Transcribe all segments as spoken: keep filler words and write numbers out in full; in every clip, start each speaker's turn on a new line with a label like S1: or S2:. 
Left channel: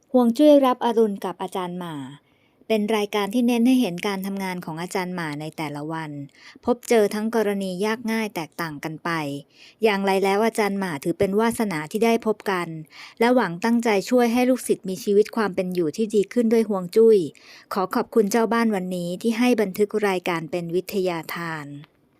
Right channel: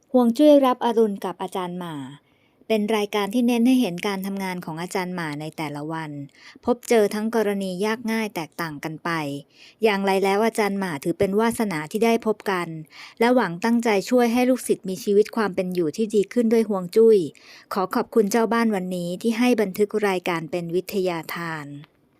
S1: ฮวงจุ้ยรับอรุณกับอาจารย์หม่าเป็นรายการที่เน้นให้เห็นการทำงานของอาจารย์หม่าในแต่ละวันพบเจอทั้งกรณียากง่ายแตกต่างกันไปอย่างไรแล้วอาจารย์หม่าถือเป็นวาสนาที่ได้พบกันและหวังตั้งใจช่วยให้ลูกศิษย์มีชีวิตความเป็นอยู่ที่ดีขึ้นด้วยฮวงจุ้ยขอขอบคุณเจ้าบ้านวันนี้ที่ให้บันทึกรายการเป็นวิทยาทาน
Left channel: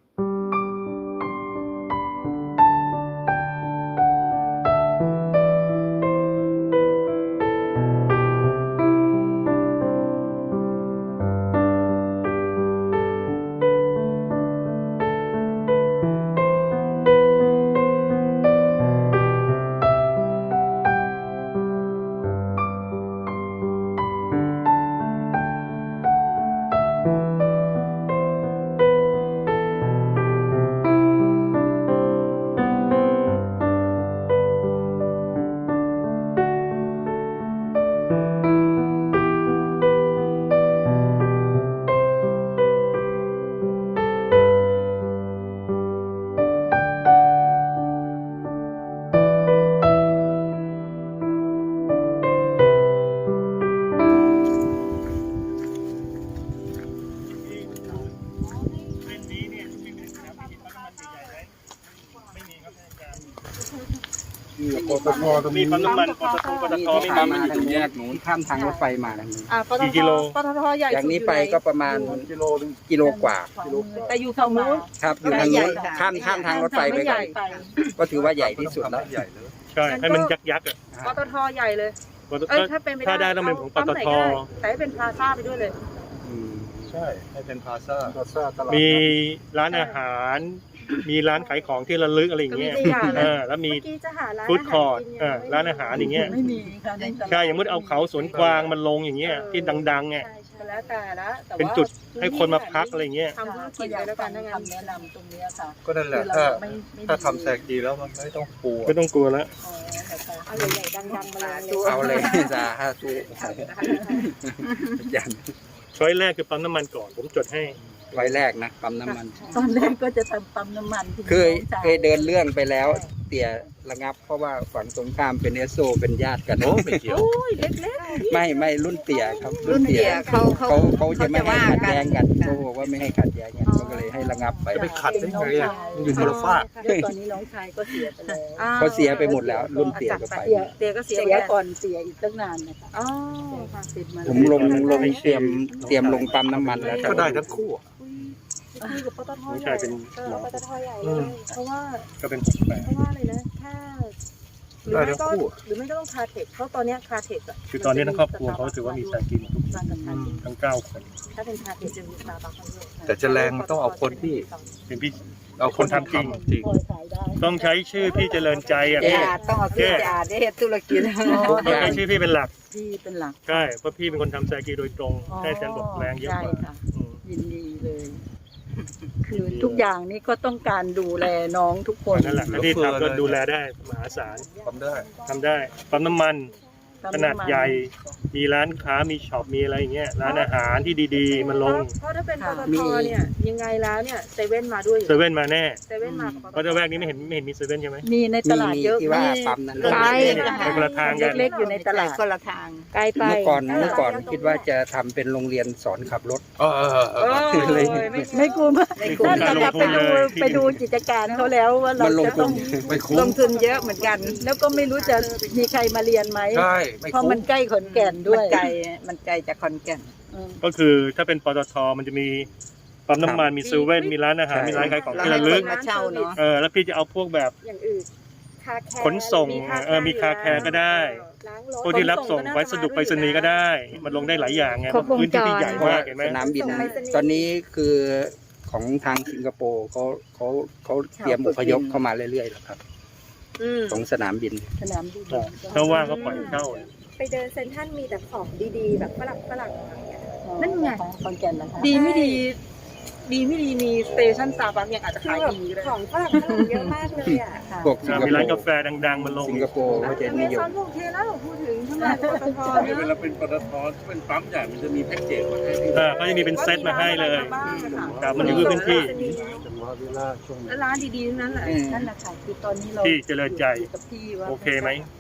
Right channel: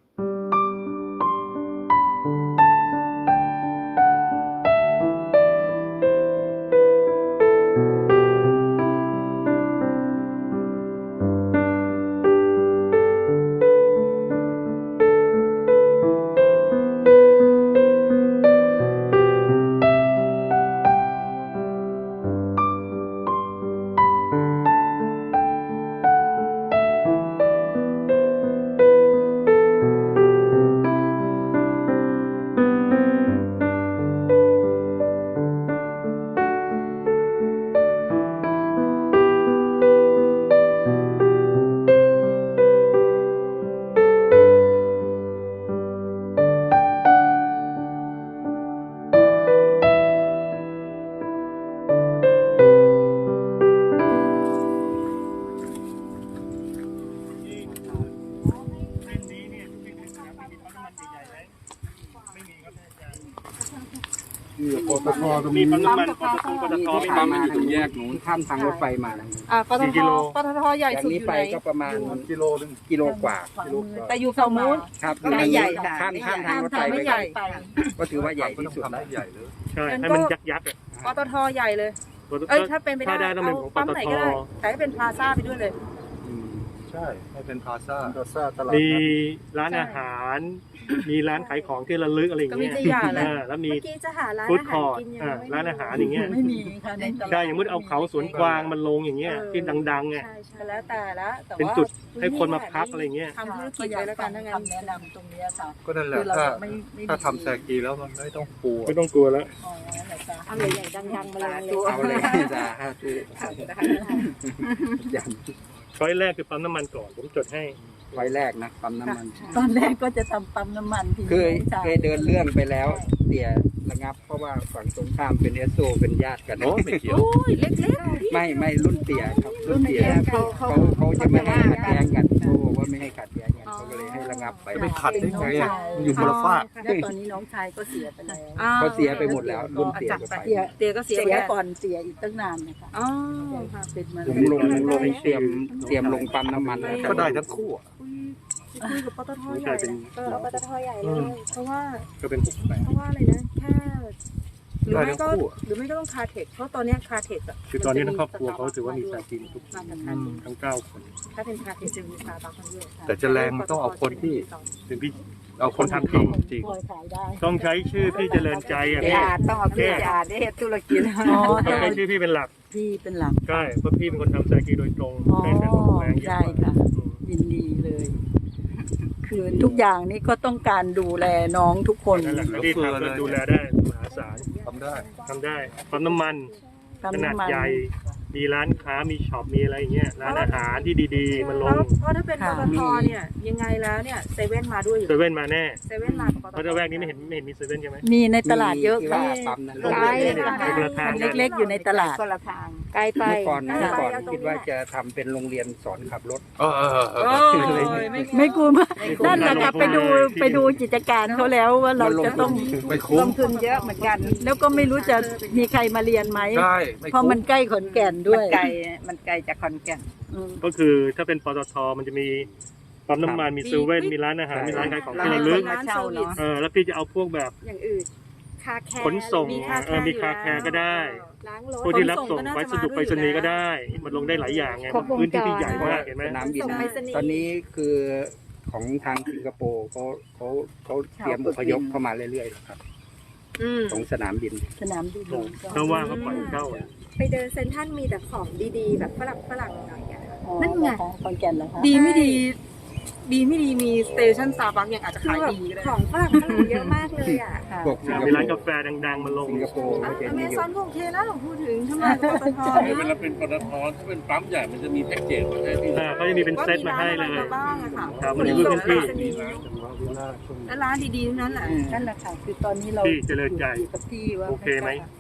S2: ปตทตรงนี้
S3: มีปั๊มน้ำมันปตทปตทไม่ปั๊มมันอยู่ตรงแยก
S2: นู้นข้ามทางรถไฟมาทางนู้น
S4: อ่าปต
S3: กี่
S4: ท
S3: กิโล
S4: ปตทใหญ่
S2: จาก
S4: สุด
S2: นี้
S4: อยู่
S2: ไป
S4: ไหน
S2: ก็ประมาณ
S3: กิโลนึง
S2: กิโลกว่า
S4: แต่อยู่ฝั่งนู้น
S2: ครับอยู่ทางนู้นข้ามข้ามทางรถไฟไป
S4: ไม่ใหญ่
S2: ก็ถือว่าใหญ่ที่สุดแล้ว
S5: ใหญ่เลย
S3: ใช่ให้มันยักยักษ์อ่ะ
S4: ปตทใหญ่เลย
S3: ปตท
S4: เอ้ยถ้าเป็นไปได้
S3: ถ้าได้ต้องเป็นของป
S4: ปั๊ม
S3: ต
S4: ไหน
S3: ท
S4: ก็ได้แต่ให้เป็นพลาซ่าไปด้วยเลย
S2: อืม
S5: ใช่ให้เป็นพลาซ่า
S3: มีร้านอาหาร มีร้านขายของที่ระลึกอะไรอย่างเงี้ย
S4: ก็มีตัวอย่าง
S3: เออแล้วมี
S4: เมื่อกี้จะหาร้าน
S3: ฟู้ด
S4: อา
S3: ค
S4: หา
S3: อ
S4: ร
S3: ร์ท
S4: กิน
S3: เออร้านอาหารอย่างเงี้ย
S6: ไม่มีค่ะในตลาด
S3: ใช่อย่างมุดเอาเขาสวนกวางมันลงอย่างเงี้ยที่ดังๆเนี่ย
S4: ใช่ใช่แล้วแต่ละแต่ว่า
S3: เป็นจุดให้คนมาพักอะไรเงี้ย
S4: ทำธุรกิ
S6: ก็
S4: จ
S6: อยา
S4: ไป
S6: ก
S4: แล้ว
S6: ฟั
S4: กัน
S6: ง
S4: ถ้างั้น
S6: คำแนะนำตรงเนี้ยค่ะ
S5: ก็นั่นแหละ
S6: คือ
S5: ถ้า
S6: เราไม่ไม่
S5: ถ้าทำแซกีแล้วมันไม่ต้องกลัว
S3: ไม่ต้องกลัวแล้ว
S6: อ๋อนะคะ
S4: เอาใหญ่ๆดังๆมาเลย
S2: เอาเลยจ้าฮะจูยัน
S3: ช้อยแรกคือปั๊มน้ำมันก่อนผมจดให้
S2: ไว้แรกนะปั๊มน้ำมัน
S6: ตอนแรกก็จะทำปั๊มน้ำมันที่
S2: เคย
S6: น้องชา
S2: เคยเดินเรื่องไปแล้วเตี่ยระงับ เพราะว่าฝั่งตรงข้ามเป็นเอสโซเป็นญาติกัน
S5: โอ้ไม่เกี่ยว
S2: ไม่ไม่รุ่นเตี่ยครับรุ่นเตี่ยเขาเขาเขาจะไม่ให้ขัดแย้งกันเขาบอกว่าไม่ให้ขัดแย้งกันเขาก็เลยให้ระงับไป
S5: จะไปขัดได้ไงอ่ะมันอยู่คนละฝาก
S6: แล้วตอนนี้น้องชายก็เสียไปแล้ว
S2: เขาเสียไปหมดแล้ว รุ่นเตี่ยก็ไป
S6: เสีย
S4: เตียก็เสีย
S6: เสียก่อนเสียอีกตั้งนานนะคะ
S4: อ๋อค่ะ
S6: เป็นมา
S2: ผมลงลงเตรียมเตรียมลงปั๊มน้ำมันแล้ว
S5: ก็ได้ทั้งคู่อะ
S4: คุยกับปตท
S3: น้อง
S4: ให
S3: ชา
S4: ญ่
S3: ยเป็น
S4: เออปตทใหญ่เลยเพราะว่า
S3: ก็เป็นหกแปด
S4: เพราะว่าอะไรนะแค่หรือ
S5: ได้
S4: ไม่
S5: ทั้ง
S4: ก็
S5: คู่อะ
S4: หรือไม่ก็ต้องคาเทคเพราะตอนเนี้ยคาเทคอะ
S3: คือตอนนี้ทั้งครอบครัวเขาถือว่ามีสายกินทุก
S4: มากับคาเทค
S3: ทั้งเก้าคน
S4: ถ้าเป็นคาเทคจะมีสตาร์บัคด้วย
S5: แต่จะแรงมันต้องเอาคนที่
S3: เป็นพี่
S5: เอาคนที่ทำจริง
S6: พอขายได้
S3: ต้องใช้ชื่อพี่เจริญใจอ่ะพี่
S6: ต้องเอาพี่อาได้ธุรกิจ
S3: ต้องใช้ชื่อพี่เป็นหลัก
S6: พี่เป็นหลัก
S3: ใช่เพราะพี่เป็นคนทำสายกีโดยตรงแค่จะลงแรงเยอะ
S6: ใช่
S3: กว่า
S6: ค่ะ ยินดีเลย คือทุกอย่างนี้ก็ต้องการดูแลน้องทุกคน
S3: นั่นแหละที่ทำก็ดูแลได้มหาศาล
S5: ทำได้
S3: ทำได้ปั๊มน้ำมันขนาดใหญ่ มีร้านค้ามีช็อปมีอะไรอย่างเงี้ยร้านอาหารที่ดีๆ มันลง
S4: เพราะถ้าเป็นปตทเนี่ยยังไงแล้วเนี่ยเซเว่นมาด้วยอยู่
S3: เซเว่นมาแน่
S4: เซเว่นมากับปตท
S3: เพราะจะแวกนี้ไม่เห็นไม่เห็นมีเซเว่นใช่ไหม
S6: มีในตลาดเยอะ
S2: ที่ว่า
S6: มี
S2: ปั๊มนั้น
S3: ไป ไปคนละทางกัน
S6: เล็กๆอยู่ในตลาด
S7: คนละทาง
S4: ไกลไป
S2: เมื่อก่อนเมื่อก่อนคิดว่าจะทำเป็นโรงเรียนสอนขับรถ
S5: เออเออเออ
S4: โอ้
S5: เออ
S4: ย
S6: ไม่กลัวมาก
S3: ไม่กลัว
S6: นั่นแหละไปดูไปดูกิจการเขาแล้วว่าเรา
S2: มันลง
S6: จะ
S2: ทุ
S6: ต้อน ง
S5: ไม่
S6: ล
S5: คุ้ม
S6: งทุนเยอะเหมือนกัน แล้วก็ไม่รู้จะมีใครมาเรียนไหม
S5: ใช่ไม่
S6: เพราะ
S5: คุ้
S6: มั
S5: ม
S6: นใกล้ขอนแก่นด้
S7: มั
S6: วน ย
S7: ไกล มันไกลจากขอนแก่น
S6: อืม
S3: ก็คือถ้าเป็นปตทมันจะมีปั๊มน้ำมันมีเซเว่นมีร้านอาหารมีร้านขายของที่ระลึก
S7: มาเช่าเนอะ
S3: เออแล้วพี่จะเอาพวกแบบ
S4: อย่างอื่นคาแคร์
S3: ขนส่งเออมีคาแคร์ก็ได้
S4: ล้างรถ
S3: ผู้ที่รับส่งวัสดุไปรษณีย์ก็ได้ มันลงได้หลายอย่างไง
S1: ครบวงจร
S3: พื้นที่ที่ใหญ่มากเห็นไหม
S2: สนามบินตอนนี้คือของทางสิงคโปร์เขาเขาเขาเตรียมอพยพเข้ามาเรื่อยๆแล้วครับ
S4: อืม
S2: ตรงสนามบิน
S6: สนามบิน
S3: เขาว่างก็ปล่อยเข้า
S4: ไปเดินเซ็นทรัลมีแต่ของดีๆ แบบฝรั่งฝรั่งอะไรอย่างเงี้ย
S6: อ๋อ
S4: นั่นไง
S6: ของขอนแก่นเหรอคะ
S4: ดีไม่ดี ดีไม่ดีมีสเตชันซาบักยังอาจจะขายดีก็ได้ของฝรั่งเยอะมากเลยอ่ะ
S6: ค่ะ
S2: พวกสิงค
S3: มี
S2: โป
S3: ร้านกา
S2: ร์
S3: แฟดังๆมันลง
S2: สิงคโปร์ก็จะ
S4: อเม
S2: นิย
S4: ซอ
S2: ม
S4: นโอเคแล้วพูดถึงทำไมปตท
S8: เวลาเป็นปตทถ้าเป็นปั๊มใหญ่มันจะมีแพ็กเกจมาให้พี่
S3: เออเขาจะมีเป็นเซตมาให้เลย
S4: บ้างอะค่ะ
S3: ครับมันอยู่ที่พื้นที่
S4: แล้วร้านดีๆทั้งนั้นแหละ
S2: อืม
S6: นั่นแหละค่ะคือตอนนี้เรา
S3: พี่เจริญใจ
S6: อยู่กับพี่ว่า
S3: โอเคไหม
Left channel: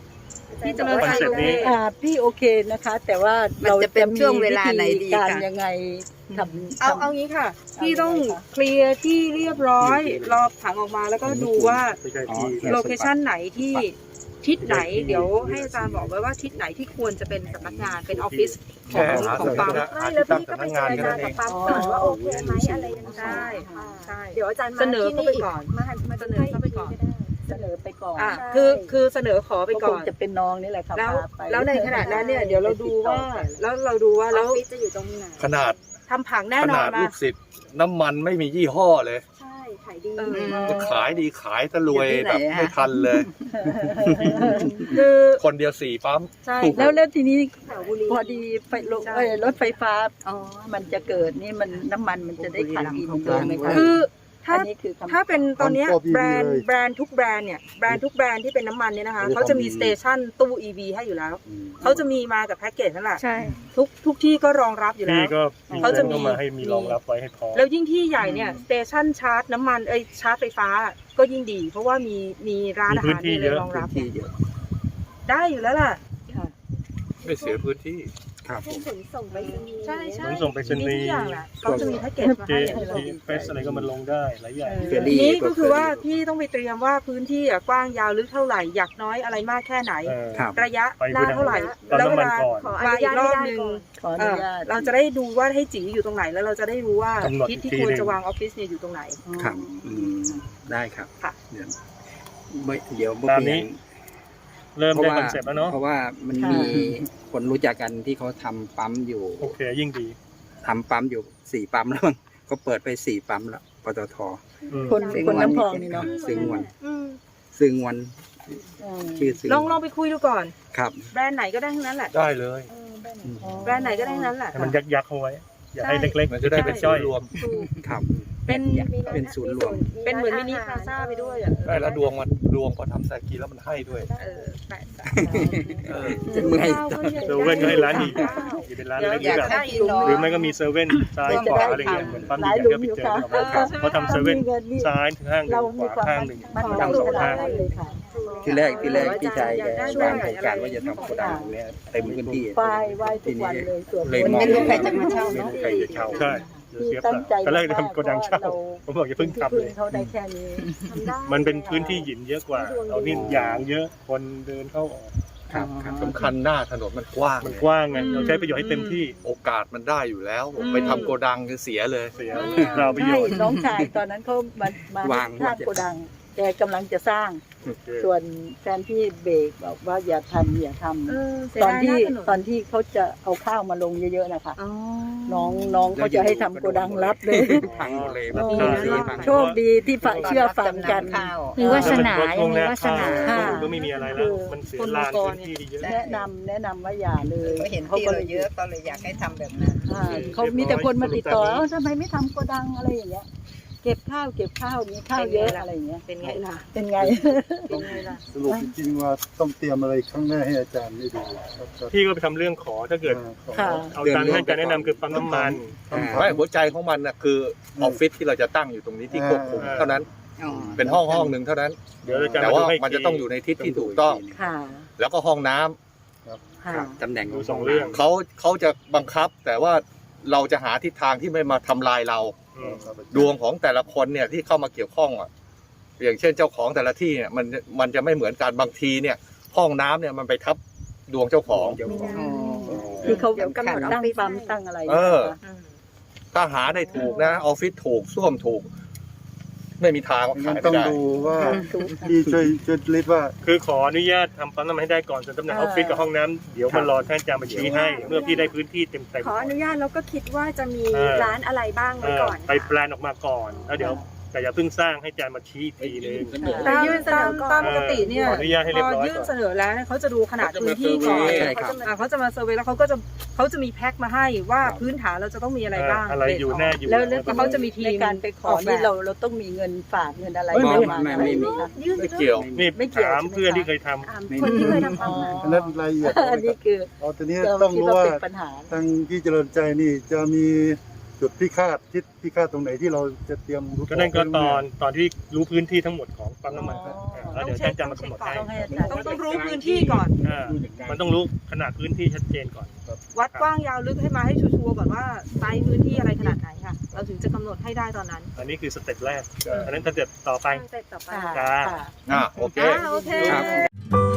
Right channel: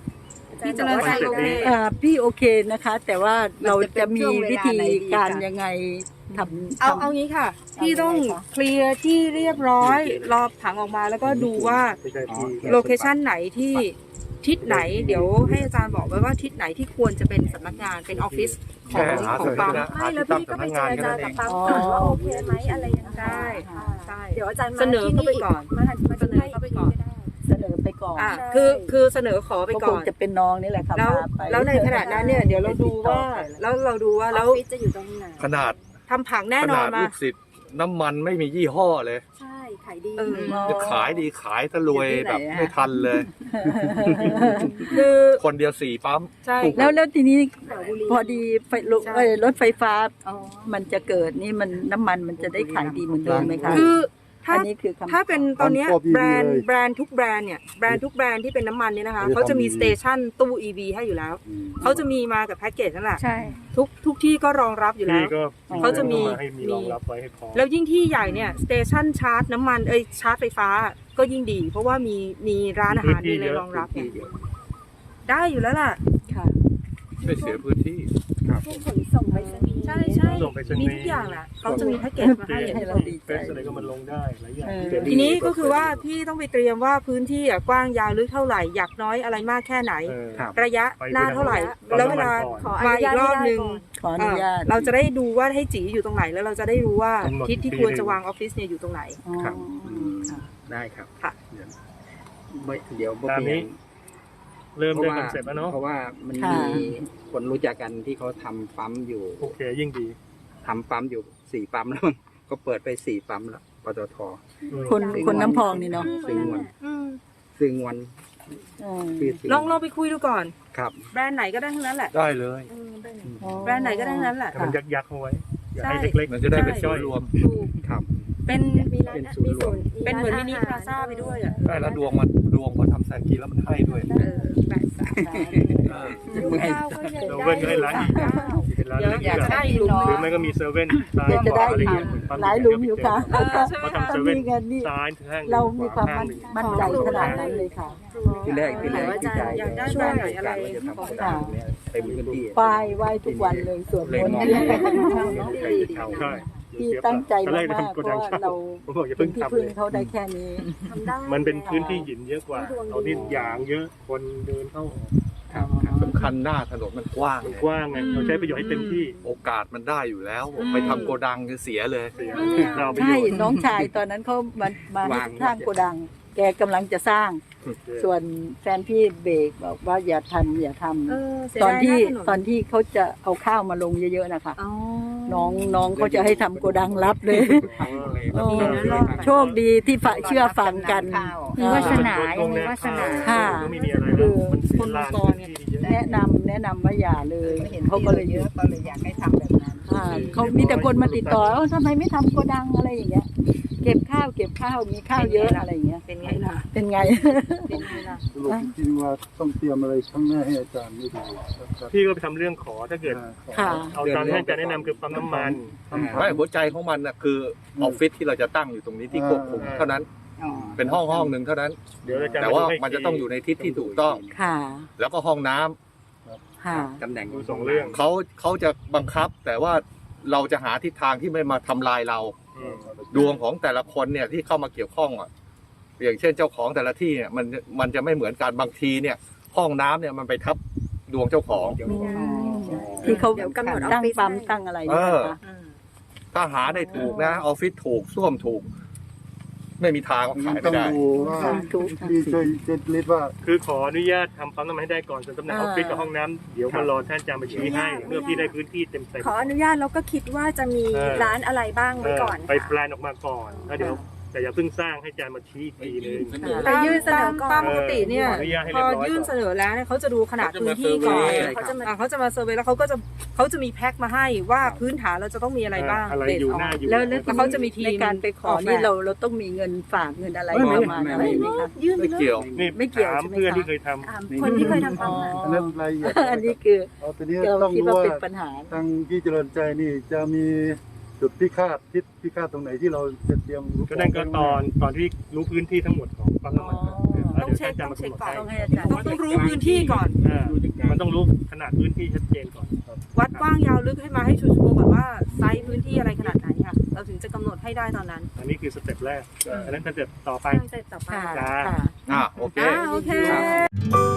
S4: พี่เจริญใจโอเค
S6: อ่าพี่โอเคนะคะ แต่ว่าเราจะมีวิธีการยังไงทำ
S4: เอาเอางี้ค่ะ พี่ต้องเคลียร์ที่เรียบร้อยรอบถังออกมาแล้วก็ดูว่า
S3: ไม่ใช่ที่
S4: โลเคชันไหนที่ทิศไหน เดี๋ยวให้อาจารย์บอกไว้ว่าทิศไหนที่ควรจะเป็นสำนักงานเป็นออฟฟิศ
S5: แค่หา
S4: ของ
S5: เส
S4: ปั๊ม
S5: หาที่ตั้งสำนักงานแค่นั้นเอง
S9: ปั๊มก่อนว่าโอเคไหมอะไรยังไง
S4: ใช่ใช่
S9: เดี๋ยวอาจารย์มา
S4: เสนอเข้าไปก่อน
S9: มาหันมา
S4: เสนอเข้าไปก่อน
S6: เสนอไปก่อน
S4: อ่ะคือคือเสนอขอไป
S6: ก็ค
S4: ก่อง น
S6: จะเป็นน้องนี่แหละค่ะ
S4: แล้ว
S6: พาไป
S4: แล้วในขณะนั้นเนี่ยเดี๋ยวเราดูว่าแล้วเราดูว่า
S9: อ
S4: แล้
S9: อ
S4: ว
S9: ฟฟิศจะอยู่ตรงไหน
S5: ขนาด
S4: ทำผังแน่
S5: ข
S4: นอ
S5: นาด
S4: นมา
S5: ลูกศิษย์น้ำมันไม่มียี่ห้อเลย
S9: ใช่ขายดี
S4: เออ
S5: จะขายดีขายทะรวยแบบไม่ทันเลย
S4: คือ
S5: คนเดียวสี่ปั๊ม
S4: ใช่
S6: แล้วแล้วทีนี้
S9: แถวบุรี
S6: พอดีไฟรถ
S4: ใช่
S6: เอ้ยรถไฟฟ้ามันจะเกิดนี่มันน้ำมันมันจะได้ขายดีเหมือนเดิมไหมคะ
S4: คือถ้า
S6: อันนี้คือคำ
S4: ถ้าเป็นตอนเนี้ยแบรนด์แบรนด์ทุกแบรนด์เนี่ยแบรนด์ทุกแบรนด์ที่เป็นน้ำมันเนี่ยนะคะเขาจะมีสเตชันตู้ อี วี ให้อยู่แล้วเขาจะมีมากับแพ็กเกจนั่นแหละ
S1: ใช่
S4: ทุกทุกที่ก็รองรับอยู่แล้
S3: ที่
S4: ว
S3: ก็
S4: เขาจะมี
S3: มาให้มีรองรับไว้ให้พร้อม
S4: แล้วยิ่งที่ใหญ่เนี่ยสเตชันชาร์จน้ำมันเอ้ยชาร์จไฟฟ้าก็ยิ่งดี เพราะว่ามีมีร้านอาหารมีอะไรรองรับ
S2: ที่เยอะ
S4: ได้อยู่แล้วล่ะ
S5: ไม่เสียพื้นที่
S2: ครับ
S9: พวกขนส่งไปรษณีย์
S4: ใช่ใช่
S3: ขนส่งไปรษณีย์
S4: มีทุกอย่างแหละเขาจะมีแพ็กเกจมา
S3: เจ
S4: ให้
S3: ทีเฟสอะไรก็มันลงได้หลายอย่าง
S6: เออ
S2: เฟร
S4: ที
S2: ลี่
S4: นี้ก็คือว่าพี่ต้องไปเตรียมว่าพื้นที่อะกว้างยาวลึกเท่าไหร่อยากน้อยอะไรมากแค่ไหน
S3: เออ
S2: ครับ
S4: ระยะ
S3: ไป
S4: หน้าเท่าไหร่
S3: ปั๊ม
S4: แล้วเว
S3: น้ำมัน
S4: ลา
S3: ก่อน
S9: ขออ
S4: มา
S9: นุ
S4: อี
S9: ญาก ต
S4: รอบ
S9: ได้
S4: หนึ่ง
S9: ก่อน
S6: ขออ
S4: เอ
S6: นุ
S4: อ
S6: ญาต
S4: เราจะได้ดูว่าให้จีอยู่ตรงไหนแล้วเราจะได้รู้ว่าก
S3: ำหนด
S4: ทิศที่
S3: อีกที
S4: ควร
S3: หนึ่ง
S4: จะวางออฟฟิศเนี่ยอยู่ตรงไหน
S2: ครับอืมได้ครับ
S4: ค่ะ
S2: เดี๋ยวไม่เดี๋ยว
S3: ตามนี้ เริ่ม
S2: เพราะ
S3: ได้
S2: ว่า
S3: คอนเซ็ปต์แล้วเนาะ
S2: เพราะว่ามัน
S6: ค่ะ
S2: มีคนรู้จักกันที่เขาทำปั๊มอยู่
S3: โอเคยิ่งดี
S2: ทำปั๊มอยู่สี่ปั๊มแล้วมั้งเขาเปิดไปสี่ปั๊มแล้วปตท
S3: อืม
S6: คนคนน้ำพองนี่เนาะ
S2: ซึ่งวัน
S4: อืม
S2: ซึ่งวัน
S6: อืม
S2: ชื่อซึ่ง
S4: ลองลองไปคุยดูก่อน
S2: ครับ
S4: แบรนด์ไหนก็ได้ทั้งนั้นแหละ
S5: ได้เลย
S4: แบรนด์ไหนก็ได้ทั้งนั้นแหละ
S3: ให้มันยักยักๆเอาไว้ อย่าให้เล็กๆ
S5: มันจะได้เป็นส่วนรวม
S4: ถูก
S2: ครับ
S4: เป็น
S9: มีร้าน
S2: เป็นศูนย์รวม
S4: เป็นเหมือนมินิพลาซ่าไปด้วยอ่ะ
S5: ได้แล้วดวงมันดวงพอทำแซกีแล้วมันให้ด้วย
S4: เออแปดสาม
S5: เออ
S2: เมื่อย
S3: เซเว่นก็ให้ร้านใหญ่ๆที่เป็นร้านเล็ก
S2: อยาก
S3: แบบ
S2: ได้หลุม
S3: หรือไม่ก็มีเซเว่นซ้ายขวาอะไรเงี้ยเหมือนปั๊ม
S6: หลาย
S3: ใหญ่
S6: หลุ
S3: ๆ
S6: มอยู่ค่ะ
S3: เขาทำเซเว่น
S6: มีเงินนี่
S3: ซ้ายข้างหนึ่
S6: เรา
S3: งข
S6: มี
S3: วา
S6: ความ
S3: ข้าง
S6: มั่น
S3: หนึ่ง
S6: มั่นใจ
S3: สอง
S6: ขนาด
S3: ข้าง
S6: นั้นเลยค่ะ
S2: ที่แรกที่แรกที่ใจ
S4: อยากได้
S2: วาง
S4: ด้วย
S2: โครงการว่าจะทำโกดังเนี่ยเต็มพื้นที่
S6: ไหว้ไหว้ทุกวันเลยส่วน
S2: เลย
S6: วัน
S2: มอง
S6: นี้ใครจะมาเช่าเนาะ
S2: ใครจะเช่า
S3: ใช่เดี๋ยว
S6: ที่
S3: เสียเป
S6: ตั้งใจ
S3: ล่าตอนแรก
S6: มาก
S3: จะทำโกดังเช่า
S6: เรา
S3: ผมบอกอย่าเพิ่ง
S6: ที่
S3: ทำ
S6: พึ่
S3: เล
S6: ง
S3: ย
S6: เขาได้แค่นี้
S9: ทำได้
S3: มันเป็นพื้นที่หินเยอะกว่าเรานี่ยางเยอะคนเดินเข้าออก
S2: ครับครับ
S5: สำคัญหน้าถนนมันกว้าง
S3: มัน
S5: ไง
S3: กว้างไงเราใช้ประโยชน์ให้เต็มที่
S5: โอกาสมันได้อยู่แล้วผมไปทำโกดังคือเสียเลย
S3: เสียเราประโย
S6: ใช่
S3: ชน์
S6: น้องชายตอนนั้นเขามามา
S2: วาง
S6: สร้างโกดัง แกกำลังจะสร้าง ส่วนแฟนพี่เบรกบอกว่าอย่าทำอย่าทำ
S4: เออเสีย
S6: ตอน
S4: ดาย
S6: ที่
S4: นะถนน
S6: ตอนที่เขาจะเอาข้าวมาลงเยอะๆนะคะ
S4: อ๋อ
S6: น้องน้องเขาจะให้ทำโกดังรับเลย
S2: ทั้งเลย
S6: โอ้
S2: แบบนี้
S6: โชคดีที่ฝ่ายเชื่อฟังกัน
S1: มีวาสนายังมีวาสนา
S6: ค่ะ
S3: ก็ไม่มีอะไรแล้วมันเสียลานพื้นที่เยอะ
S6: แนะนำแนะนำว่าอย่าเลย
S7: เห็น
S6: เขา
S7: ที่
S6: ก็
S7: เรา
S6: เลย
S7: เยอะก็เลยอยากให้ทำแบบนั้น
S6: อ่าเขามีแต่คนมาติดต่อเอ้าทำไมไม่ทำโกดังอะไรอย่างเงี้ย เก็บข้าวเก็บข้าวมีข้าวเยอะอะไรอย่างเงี้ย
S4: เป็นไงล่ะ
S6: เป็นไง
S4: เป็นไงล่ะ
S10: สรุปจริงๆว่าต้องเตรียมอะไรข้างหน้าให้อาจารย์ได้ดูครับ
S3: พี่ก็ไปทำเรื่องขอถ้าเกิด
S6: ค่ะ
S3: เอาตามที่อาจารย์แนะนำคือปั๊มน้ำมัน
S5: ไม่หัวใจของมันนะคือออฟฟิศที่เราจะตั้งอยู่ตรงนี้ที่ควบคุมเท่านั้น เป็นห้องห้องหนึ่งเท่านั้น
S3: เดี๋ยวอาจารย์
S5: แต่ว่า
S3: ให้
S5: มันจะต้องอยู่ในทิศที่ถูกต้อง
S6: ค่ะ
S5: แล้วก็ห้องน้ำ
S6: ค่ะ
S2: ตำแหน่ง
S3: ดูสองเรื่อง
S5: เขาเขาจะบังคับ แต่ว่าเราจะหาทิศทางที่ไม่มาทำลายเรา
S3: อืม
S5: ดวงของแต่ละคนเนี่ยที่เข้ามาเกี่ยวข้องอ่ะอย่างเช่นเจ้าของแต่ละที่เนี่ยมันมันจะไม่เหมือนกันบางทีเนี่ย ห้องน้ำเนี่ยมันไปทับดวงเจ้าของ
S6: ที่เขา
S9: เดี๋ยวกำหนด
S6: ตั้ง
S9: ออฟฟิศ
S6: ปั๊ม
S9: ให้
S6: ตั้งอะไร
S5: เออ
S6: นะคะ
S4: อืม
S5: ถ้าหาได้ถูกนะออฟฟิศถูกส้วมถูก ไม่มีทางว่า
S10: มั
S5: ขาน ย
S10: ต้
S5: ไม่
S10: อง
S5: ได้
S10: ดูว่าพี่ช่วยช่วยลิสต์ว่า
S3: คือขออนุญาตทำปั๊มน้ำมันให้ได้ก่อนส่วนตำแหน่งออฟฟิศกับห้องน้ำเดี๋ยวมารอท่านอาจารย์มาชี้ให้ เมื่อพี่ได้พื้นที่เต็มเต็ม
S9: ขออนุญาตแล้วก็คิดว่าจะมี
S3: เออ
S9: ร้านอะไรบ้างไว้ก่อน
S3: ไปแปลนออกมาก่อนแล้วเดี๋ยวแต่อย่าเพิ่งสร้างให้อาจารย์มาชี้อีกทีนึง
S4: แต่ยื่นเสนอก่อนตามปกติเนี่ย
S3: ขออนุญาตให้
S4: พ
S3: เรียบ
S4: อ
S3: ร้อย
S4: ยื่น
S3: ก่
S4: เส
S3: อน
S4: นอแล้วเนี่ยเขาจะดูขนาดพื้นที่ก่อน
S2: เขาจะมา
S4: อ่ะเขาจะมาเซอร์เวย์แล้วเขาก็จะเขาจะมีแพ็คมาให้ว่าพื้นฐานเราจะต้องมีอะไรบ้าง
S3: อะไรอยู่หน้าอยู่
S6: แล้วแล้ว
S4: แล้วเขาจะมีทีม
S6: ในการไปขอ
S4: ออกแบบ
S6: นี่เราเราต้องมีเงินฝากเงินอะไร
S5: ไม่ไม่
S6: ประมาณอะไรไหมคะ
S9: ยื่น
S5: ไม่เกี่ยว
S3: นี่
S6: ไม่เกี่ยว
S3: ถาม
S6: ใช่ไหม
S3: เพื่อน
S6: คะ
S3: ที่เคยท
S9: อ่าคนที่เคยทำ
S6: อ๋อ
S9: ทำ
S10: อันนั้นรายละเอียด
S6: อันนี้คือ
S10: อ๋อทีนี้
S6: เรา
S10: ต้อง
S6: คิด
S10: รู้
S6: ว่า
S10: ว่า
S6: เป็นปัญหา
S10: ทางพี่เจริญใจนี่จะมีจุดพิฆาตทิศพิฆาตตรงไหนที่เราจะเตรียม
S3: ำก็นั่นก็ตอนตอนที่รู้พื้นที่ทั้งหมดของปั๊มน้ำมัน
S6: อ๋อ
S3: แล้ว
S4: ต้อ
S3: เดี๋
S4: ง
S3: ยว
S4: เช็
S3: ฉั
S4: คน
S3: จะ
S4: ต้อง
S3: มา
S4: เช็ค
S3: กำหน
S4: ก่อ
S3: ด
S4: น
S3: ให้
S4: ต้องต้องรู้พื้นที่ก่อน
S3: เออมันต้องรู้ขนาดพื้นที่ชัดเจนก่อน
S4: วัดกว้างยาวลึกให้มาให้ชัวร์ๆก่อนว่าไซส์พื้นที่อะไรขนาดไหนค่ะ เราถึงจะกำหนดให้ได้ตอนนั้น
S3: อันนี้คือสเต็ปแรกอันนั้นสเต็ปต่อไป
S9: เสร็จต่อไป
S3: จ้า
S6: ค่ะ
S5: อ่าโอเค
S4: อ่าโอเค